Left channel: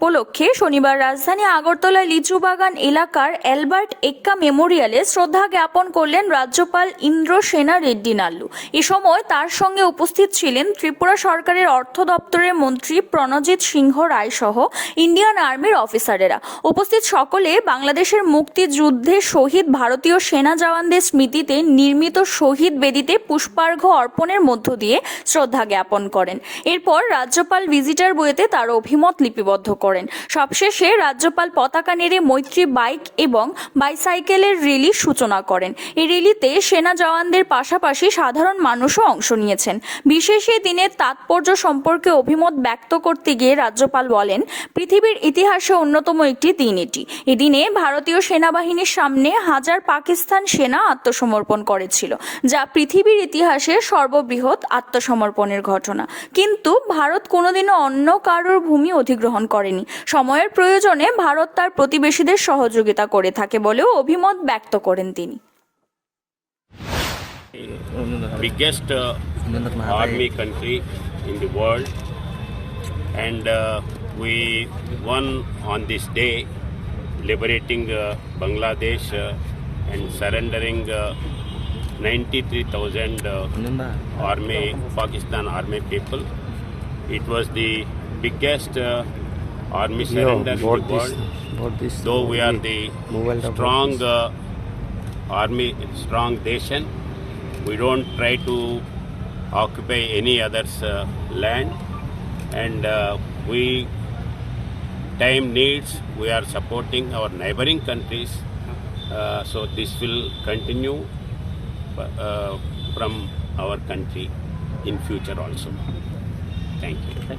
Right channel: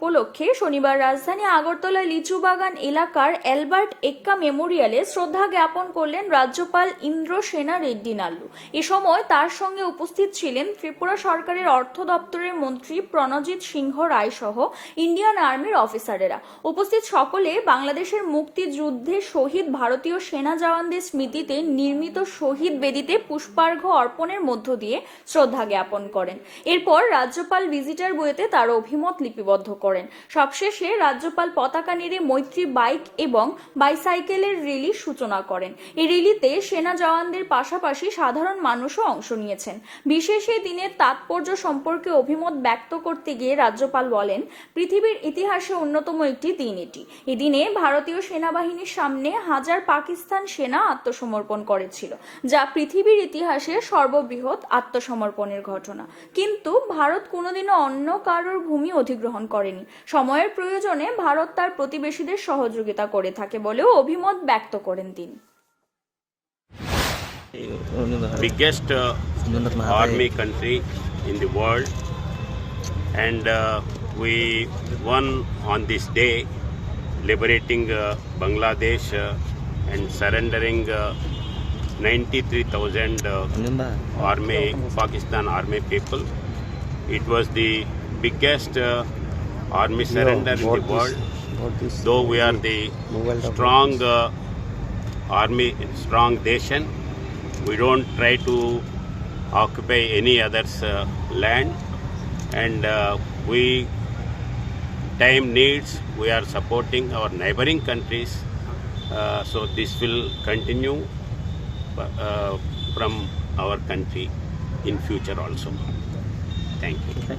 উপলক্ষে শনিবার রাজধানী আগরতলা লিচু বাগান এলাকার অ্যালবার্ট এক্কা মেমোরিয়ালে শ্রদ্ধা জ্ঞাপন করলেন রাজ্যপাল ইন্দ্র সেনা রেড্ডি নাল্লু। এ সময় তার সঙ্গে উপস্থিত ছিলেন ত্রিপুরা সরকারের অর্থ দপ্তরের মন্ত্রী প্রণজিৎ সিংহ রায় সহ ইন্ডিয়ান আর্মির অফিসারেরা। উপস্থিত সকলে বাংলাদেশের মুক্তিযুদ্ধে শহীদ ভারতীয় সেনা জওয়ানদের স্মৃতিতে নির্মিত শহীদ বেদিতে পুষ্পার্ঘ্য অর্পণের মধ্য দিয়ে শ্রদ্ধা জ্ঞাপন করেন। এরপর রাজ্যপাল ভিজিটার বইতে তার অভিমত লিপিবদ্ধ করেন। সবশেষে রাজ্যপাল পতাকা নেড়ে মৈত্রী বাইক এবং বাইসাইকেলের র্যালির সূচনা করেন। এই র্যালিতে সেনা জওয়ানদের পাশাপাশি সাধারণ মানুষও অংশ নিয়েছেন। বিশেষ এই দিনের তাৎপর্য সম্পর্কে অভিমত ব্যক্ত করতে গিয়ে রাজ্যপাল বলেন, পৃথিবীর ইতিহাসে অন্যতম একটি দিন এটি। এদিনে ভারতীয় সেনাবাহিনীর সামনে হাজার পাকিস্তান সেনা আত্মসমর্পণ করেছিল, যা পৃথিবীর ইতিহাসে সর্ববৃহৎ আত্মসমর্পণের ঘটনা। কিন্তু ভারত কোনোদিনও অন্য কারোর ভূমি অধিগ্রহণ করেনি। সময়ের প্রয়োজনে ভারত তার প্রতিবেশীদের সহযোগিতা করে থাকে বলেও অভিমত ব্যক্ত করেন তিনি biggest uh, army country in the world and uh, we won on this day liberating uh, bangladesh uh, and surrendering uh, 93000 uh, army pakistan army people it was the biggest uh, army surrender in the world. Though we are the strong uh, army strong nation we don't try to occupy any other's uh, land. And uh, we time needs we are supporting our neighboring countries. Uh, so this will continue uh, from our country in future also. Thank you